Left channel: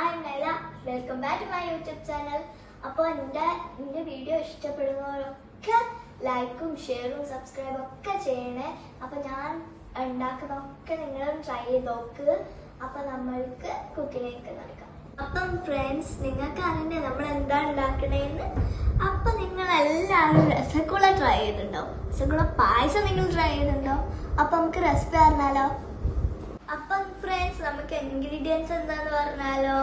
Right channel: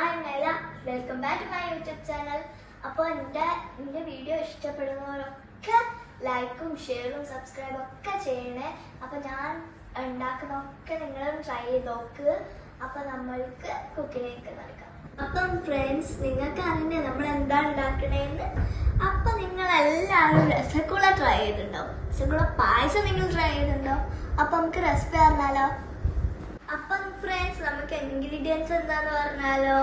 I'm Naila. Welcome back to my YouTube channel. അപ്പോൾ എൻ്റെ video ഇഷ്ടപ്പെടുന്നവരൊക്കെ ലൈക്കും ഷെയറും സബ്സ്ക്രൈബും ഒക്കെ ചെയ്യണേ. അപ്പോൾ ഞാൻ ഉണ്ടാക്കുന്നതൊക്കെ നിങ്ങളും ട്രൈ ചെയ്ത് നോക്ക്. അപ്പോൾ നമ്മൾക്ക് കുക്കിങ്ങിലേക്ക് നടക്കാം. അപ്പം ഫ്രണ്ട്സ്, നിങ്ങൾക്ക് അറിയണ്ടേ നമ്മൾ എന്താ ഉണ്ടാക്കണേന്ന്? അപ്പം നിങ്ങളെല്ലാവരും രസഗുള ട്രൈ ചെയ്തിട്ടുണ്ടാവും. രസഗുള പായസം നിങ്ങൾ ട്രൈ ചെയ്തിട്ടുണ്ടാവും. അപ്പം നമുക്ക് റെസിപ്പി അറിഞ്ഞാലോ? അപ്പം ഫ്രണ്ട്സ്, നമുക്ക് ഇൻഗ്രീഡിയൻസ് എന്താന്ന് പറഞ്ഞാലോ?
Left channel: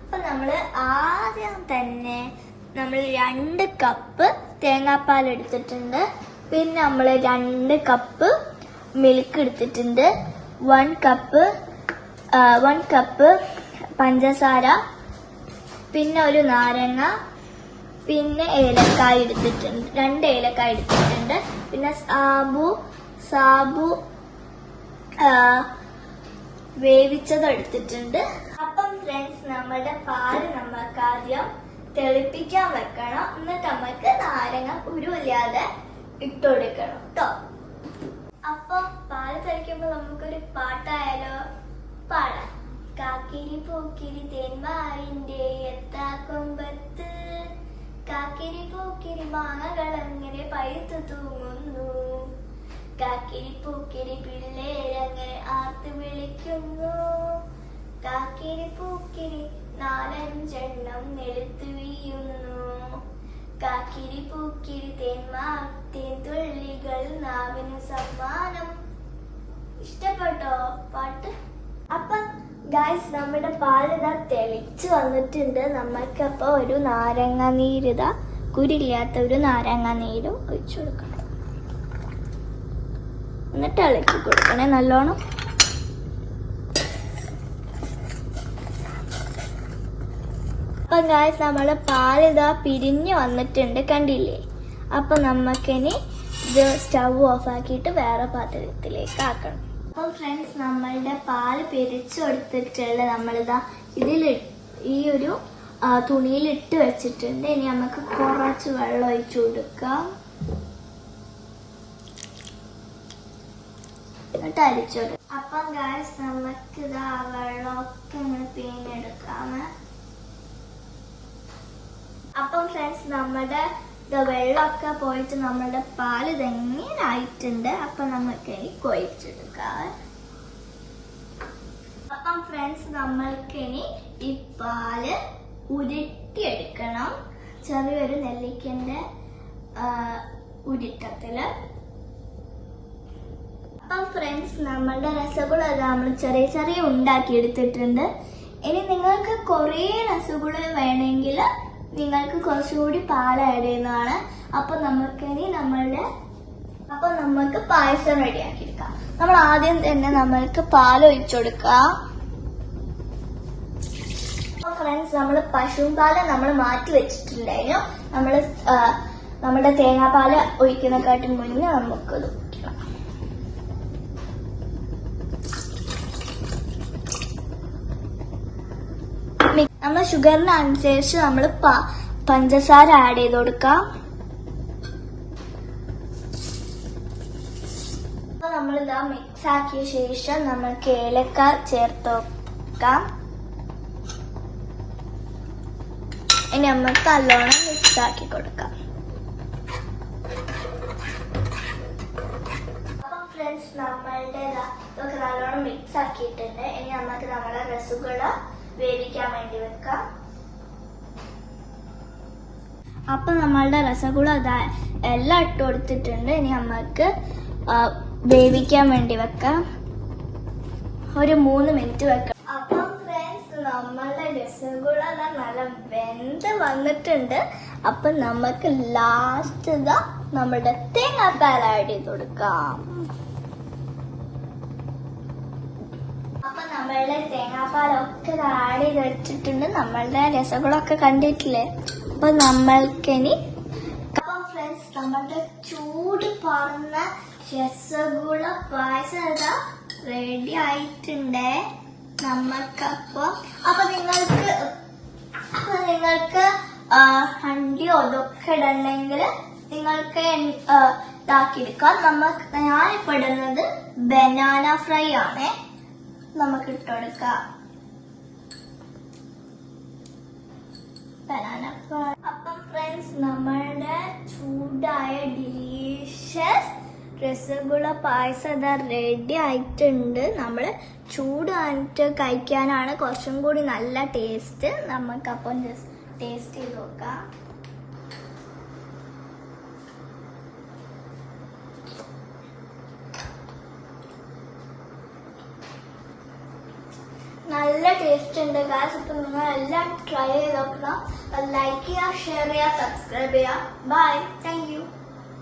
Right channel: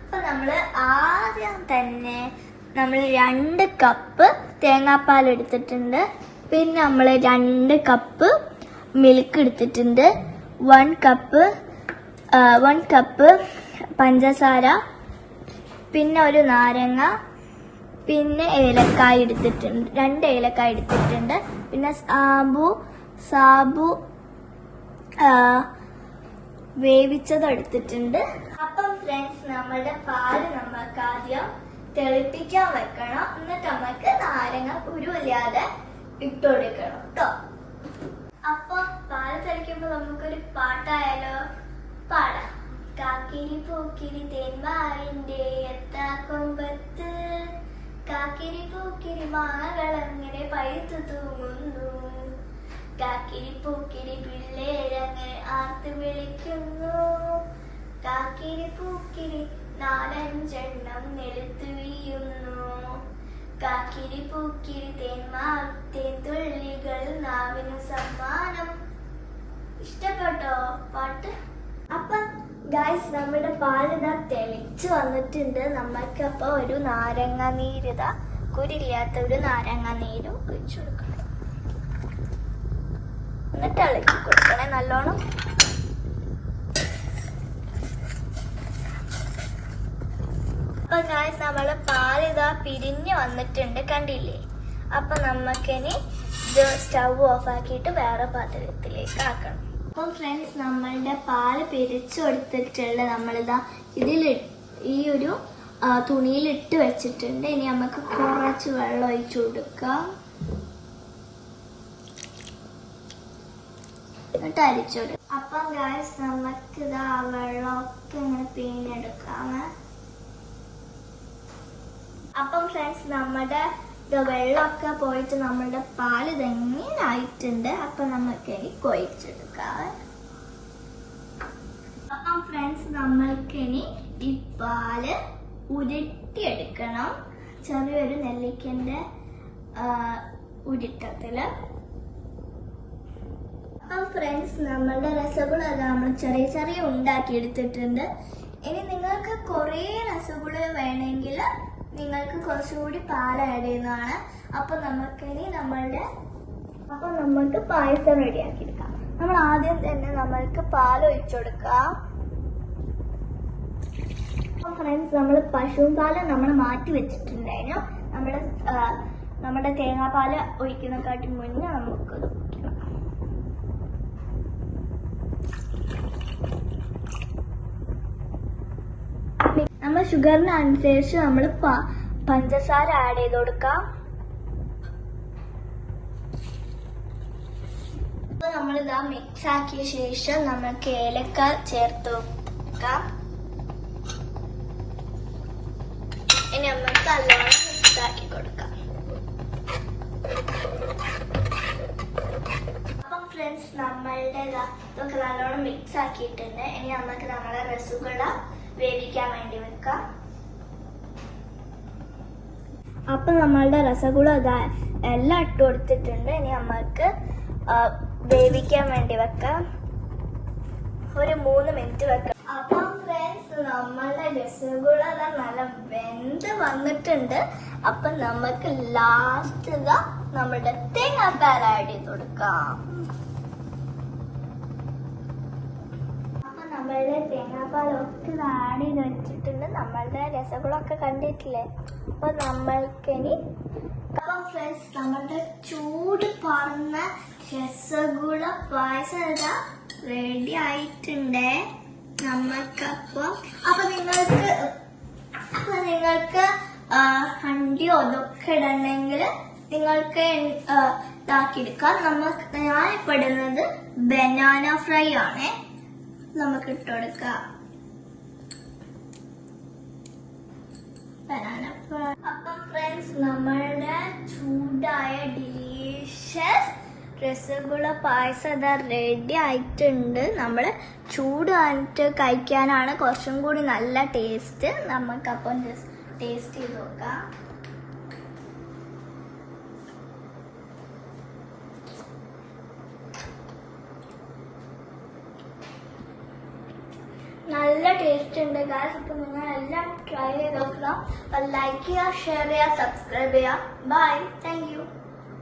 അപ്പൊ നമ്മള് ആദ്യം തന്നെ 2 കപ്പ് തേങ്ങാപ്പാൽ എടുത്തിട്ടുണ്ട്. പിന്നെ നമ്മൾ 2 കപ്പ് മിൽക്ക് എടുത്തിട്ടുണ്ട്. 1 കപ്പ് പഞ്ചസാര, പിന്നെ ഒരു നാരങ്ങ, പിന്നെ ഏലക്കായ എടുത്തിട്ടുണ്ട്, 2 ഏലക്കായ എടുത്തിട്ടുണ്ട്. പിന്നെ സാബു വേവിച്ചത് എടുത്തിട്ടുണ്ട്. അപ്പം ഫ്രണ്ട്സ്, നമ്മുടെ പാല് നമുക്ക് ആദ്യം തിളപ്പിക്കാൻ വെക്കണം. എന്നിട്ട് നമുക്ക് നാരങ്ങ കുരുവില്ലാതെ ഇട്ടുകൊടുക്കണം കേട്ടോ. അപ്പൊ പാല് തിളയ്ക്കുമ്പോ നമുക്കൊരു പാട്ടായാലോ? പാടാം. കാക്കിരി പൂക്കിരി തേൻമാവിന്റെ എത്താക്കൊമ്പത്ത്, കാക്കിരി പൂക്കിരി മാങ്ങകളങ്ങനെ പഴുത്തു തൂങ്ങുന്നു, കാക്കിരി പൂക്കിരി പിള്ളേരങ്ങനെ ആർത്ത് വിളിക്കുന്നു, കാക്കിരി പൂക്കിരി 4-5 നിലത്ത് വീഴുന്നു, കാക്കിരി പൂക്കിരി തേൻതുള്ളികൾ നാവിന് സമ്മാനം. ഇഷ്ടപ്പെട്ടോ പാട്ട്? അപ്പൊ ഗൈസ്, നമ്മുടെ പാലിതാ തെളിച്ചു വന്നിട്ടുണ്ട്. നമ്മൾക്കപ്പോ ഒരു നാരങ്ങ നീരിതാ, കുരില്ലാത്ത ഒരു നാരങ്ങ നീരും ഒഴിച്ചു കൊടുക്കണം. എന്നിട്ട് ഇളക്കി കൊടുക്കണേ നല്ലോണം. അപ്പൊ ഗായ്സ്, നമ്മുടെ പാലിതാ പിരിഞ്ഞു വന്നിട്ടുണ്ട്, കണ്ടില്ലേ? അപ്പൊ നമുക്കിനി ഇത് സ്റ്റൗ ഓഫ് ആക്കിയിട്ട് വേറെ പാത്രത്തിലേക്ക് ആക്കണം. അപ്പം ഫ്രണ്ട്സ്, നമ്മളുടെ പാല് പിരിച്ചു കൊടുത്തിട്ടുള്ള നമ്മളിതാ ഈ ഒരു തുണിയിലിട്ട് വെച്ചിട്ടുണ്ട്. ഇനി നമുക്ക് കുറച്ച് വെള്ളം ഒഴിച്ചു കൊടുക്കാം. എന്നിട്ട് അരിച്ചോടും. അപ്പം ഗായ്സ്, നമുക്ക് ഇതാ വെള്ളമൊക്കെ ഇങ്ങനെ പിഴിഞ്ഞെടുക്കാം. അപ്പം ഫ്രണ്ട്സ്, നമ്മുടെ വെള്ളമൊക്കെ പോയിട്ട് നമ്മളുടെ പാല് ഇതെങ്ങനെ ആയിട്ടുണ്ട്. അപ്പൊ നമുക്ക് ഇനി കൊഴിച്ചെടുക്കാം. അപ്പം ഫ്രണ്ട്സ്, നമ്മൾക്കിനി ഈ പാല് ഉരുട്ടിയെടുക്കണം. ചെറിയൊരു നെല്ലിക്കന്റെ ഉരുട്ടത്തില്. അപ്പം ഫ്രണ്ട്സ്, നമ്മളുടെ രസഗുള നമ്മൾ ചെറിയ ഉണ്ടാക്കി എടുത്തിട്ടുണ്ട്. ഇനി നിങ്ങൾക്ക് കുറേ രസഗുള വേണമെങ്കിൽ നിങ്ങൾക്ക് കുറച്ചുകൂടി പാൽ ആഡ് ചെയ്യുന്നതാണ്. അപ്പൊ നമുക്ക് പായസം റെഡിയാക്കി എടുക്കാം. നമ്മൾ ആദ്യം തന്നെ നമ്മൾക്ക് പാൽ ഒഴിച്ചു കൊടുക്കാം. അപ്പൊ ഫ്രണ്ട്സ്, നമ്മൾ പശുപാല് നമ്മൾ മാറ്റി വെച്ചിട്ടുണ്ടായിരുന്നു. നമ്മുടെ തേങ്ങാപ്പാല് ഒഴിക്കുന്നതിനെക്കാട്ടും മുന്നേ നമുക്കത് കുടിക്കണം. നമ്മൾ ഷുഗറിന് അനുസരിച്ച് നമ്മൾ പഞ്ചസാര ആഡ് ചെയ്ത് കൊടുക്കാം. അപ്പൊ നമ്മളിതാ മിക്സ് ആക്കിയ ശേഷം നമുക്ക് ഏലക്ക ചേർത്ത് കൊടുക്കാം. ഇനി നമുക്ക് നല്ലോണം മിക്സ് ആക്കി കൊടുക്കാം. അപ്പം ഫ്രണ്ട്സ്, നമ്മളുടെ ഇതൊക്കെ നല്ലോണം മിക്സ് ആക്കിയിട്ടുണ്ട്. ഇനി നമുക്ക് നമ്മുടെ രസഗുള വേവിക്കാൻ വേണ്ടി വെക്കാം. അപ്പൊ നമ്മളുടെ രസഗുള എല്ലാം ഇട്ട് കൊടുത്തിട്ടുണ്ട്. ഇനി നമുക്ക് വേവിക്കാൻ വേണ്ടി വെക്കാം. ഒരു 3 മിനിറ്റ് വെക്കാം. അപ്പൊ ഫ്രണ്ട്സ്, നമ്മളുടെ രസഗുള നല്ല വെന്ത് വന്നിട്ടുണ്ട്. അപ്പൊ നമുക്ക് ലാസ്റ്റ് നമ്മുടെ തേങ്ങാപ്പാൽ ആഡ് ചെയ്ത് കൊടുക്കാം. നമ്മളുടെ തേങ്ങാപ്പാലൊക്കെ ആഡ് ചെയ്ത് വെച്ചിട്ടുണ്ട്. നമ്മളുടെ രസഗുളൊക്കെ കണ്ടിട്ടില്ലേ? അപ്പൊ നമ്മൾക്കിനി ഫ്രണ്ട്സ്, നമ്മളുടെ ചൂട് പറഞ്ഞ രസഗുള പായസം റെഡി ആയിട്ടുണ്ട് അപ്പൊ നിങ്ങൾക്ക് ഹണ്ടിയോ ഇതൊക്കെ ഇടണമെങ്കിൽ നിങ്ങൾക്ക് ഇതാക്കിയെടുക്കാം. ഞാനിപ്പോ ഇടുന്നത് ബനാന ഫ്രൈ ആണ്. നമുക്ക് ഇട്ടുകൊടുക്കാം. അപ്പം ഫ്രണ്ട്സ്, നമ്മളുടെ ചൂടായ ഡിലീഷ്യസ് രസഗുള പായസം ഇതാ റെഡി ആയിട്ടുണ്ട്. നമ്മൾ ചൂടായിട്ട് കഴിക്കാനാണ് കുറച്ചും കൂടി നല്ല ടേസ്റ്റ്. നമുക്കപ്പം ജസ്റ്റ് ടേസ്റ്റ് ചെയ്ത് നോക്കാം. നല്ല ടേസ്റ്റ് ഉണ്ട് ഗായ്സ്. ഇപ്പൊ നിങ്ങൾ എല്ലാം ട്രൈ ചെയ്ത് നോക്കണം. ലൈക്ക് ചെയ്യുക, ഷെയർ ചെയ്യുക, സബ്സ്ക്രൈബ് ചെയ്യുക. Bye, thank U.